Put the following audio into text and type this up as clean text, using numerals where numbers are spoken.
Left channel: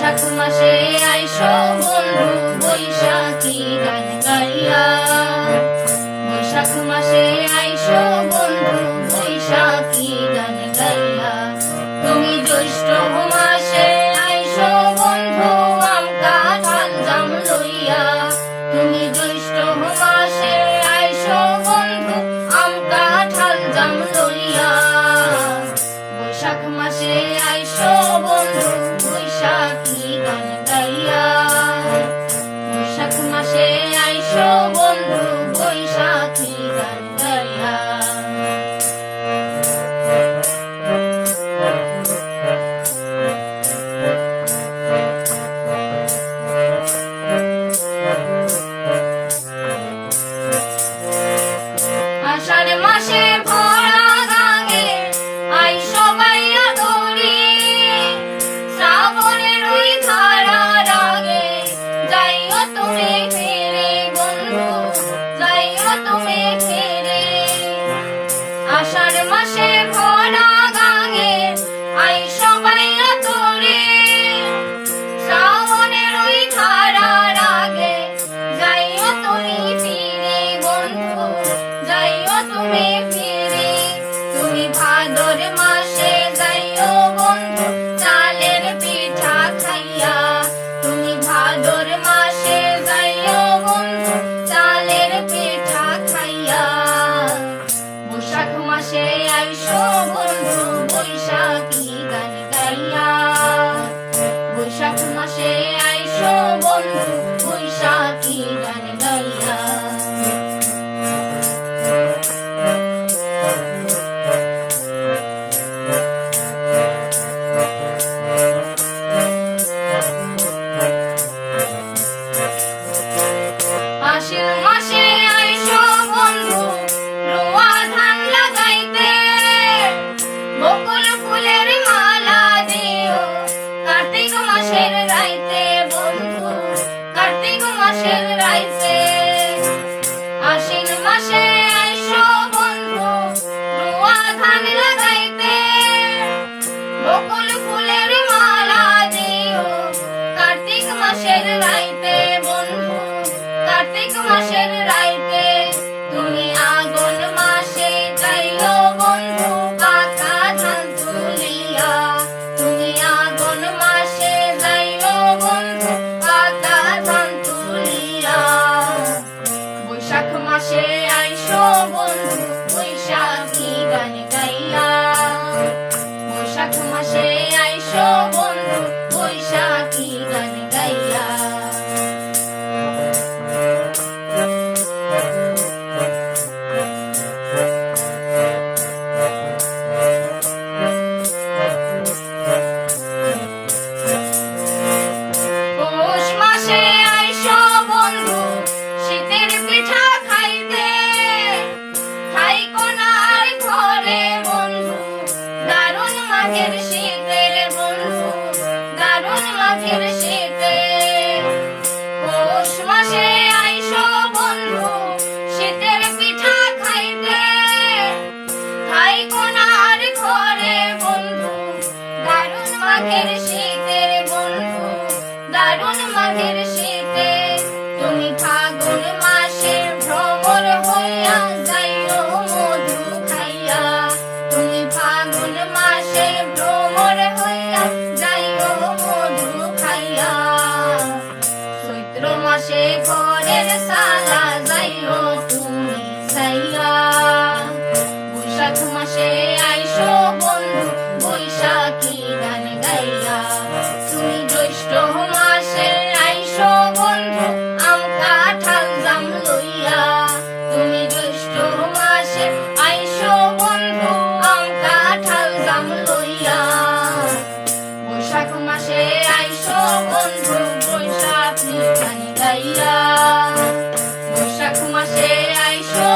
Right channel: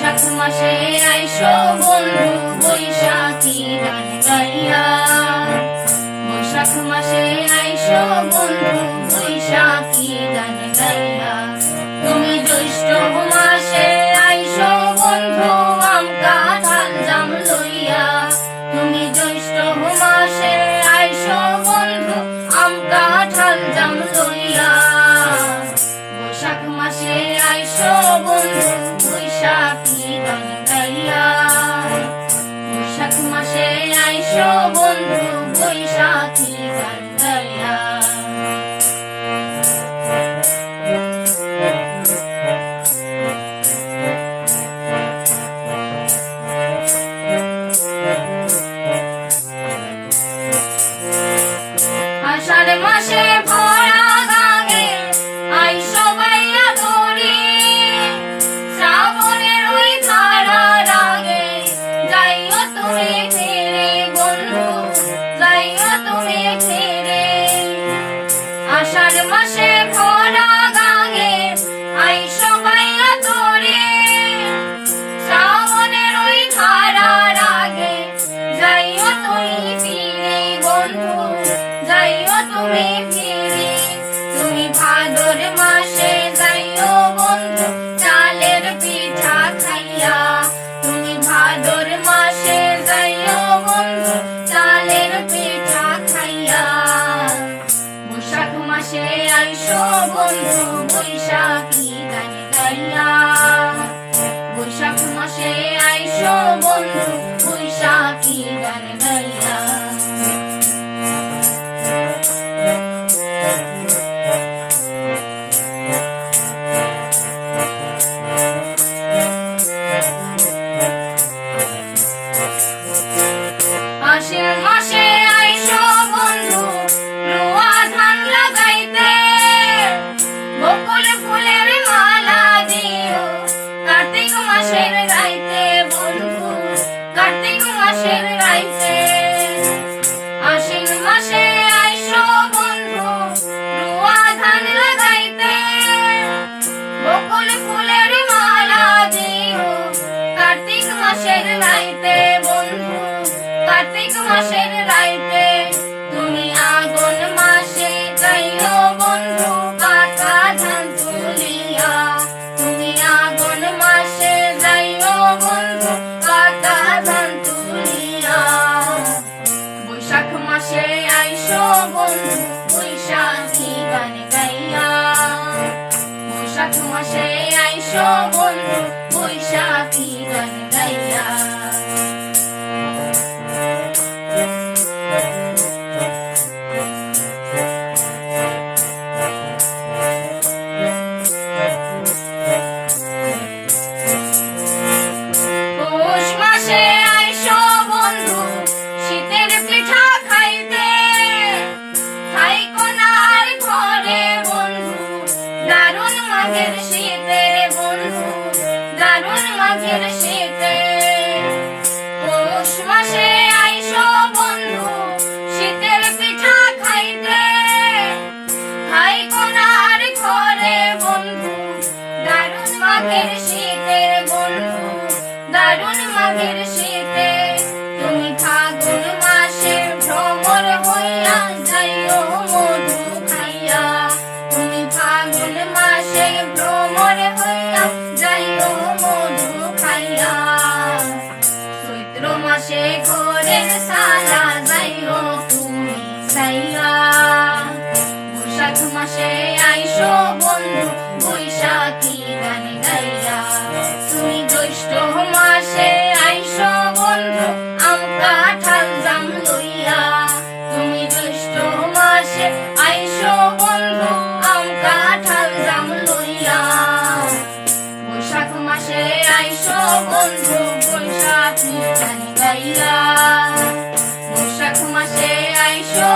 বৈশাখ মাসে আইসো বন্ধু বৈশাখী গান গাইয়া। বৈশাখ মাসে আইসো বন্ধু বৈশাখী গান গাইয়া। তুমি জ্যৈষ্ঠ মাসে আইসো বন্ধু আম কাঁঠাল জাম লইয়া। তুমি জ্যৈষ্ঠ মাসে আইসো বন্ধু আম কাঁঠাল জাম লইয়া। বৈশাখ মাসে আইসো বন্ধু বৈশাখী গান গাইয়া। বৈশাখ মাসে আইসো বন্ধু বৈশাখী গান গাইয়া। আষাঢ় মাসে ভরা গাঙে আইসো বাইয়া ধরি। শ্রাবণের ওই ধারার আগে যাইও তুমি ফিরে বন্ধু, যাইও তুমি ফিরে। আষাঢ় মাসে ভরা গাঙে আইসো বাইয়া ধরি। শ্রাবণের ওই ধারার আগে যাইও তুমি ফিরে বন্ধু, যাইও তুমি ফিরে। তুমি ভাদর মাসে যাইও বন্ধু চালের পিঠা খাইয়া। তুমি ভাদর মাসে যাইও বন্ধু চালের পিঠা খাইয়া। বৈশাখ মাসে আইসো বন্ধু বৈশাখী গান গাইয়া। বৈশাখ মাসে আইসো বন্ধু বৈশাখী গান গাইয়া। আশ্বিন মাসে আইসো বন্ধু রোয়া ধান লাগাইতে। বকুল ফুলের মালা দিও কার্তিক মাসের রাইতে বন্ধু, কার্তিক মাসের রাইতে। আশ্বিন মাসে আইসো বন্ধু রোয়া ধান লাগাইতে। বকুল ফুলের মালা দিও কার্তিক মাসের রাইতে বন্ধু, কার্তিক মাসের রাইতে। তুমি আগুন মাসে যাইও বন্ধু পাকা ধান তুলিয়া। তুমি আগুন মাসে যাইও বন্ধু পাকা ধান তুলিয়া। বৈশাখ মাসে আইসো বন্ধু বৈশাখী গান গাইয়া। বৈশাখ মাসে আইসো বন্ধু বৈশাখী গান গাইয়া। পৌষ মাসে আইসো বন্ধু শীতের পিঠা খাইতে। খাইকো না আর ঘরে বন্ধু দারুণ মাঘের শীতের বন্ধু, দারুণ মাঘের শীতে। পৌষ মাসে আইসো বন্ধু শীতের পিঠা খাইতে। খাইকো না আর ঘরে বন্ধু দারুণ মাঘের শীতের বন্ধু, দারুণ মাঘের শীতে। তুমি ফাগুন মাসে ভ্রমর হইয়া যাইও মধু খাইয়া। তুমি ফাগুন মাসে ভ্রমর হইয়া যাইও মধু খাইয়া। চৈত্র মাসে ঘরের সালা যাইও তুমি সাইয়া। বৈশাখ মাসে আইসো বন্ধু বৈশাখী গান গাইয়া। তুমি জ্যৈষ্ঠ মাসে আইসো বন্ধু আম কাঁঠাল জাম লইয়া। তুমি জ্যৈষ্ঠ মাসে আইসো বন্ধু আম কাঁঠাল জাম লইয়া। বৈশাখ মাসে আইসো বন্ধু বৈশাখী গান গাইয়া। বৈশাখ মাসে আইসো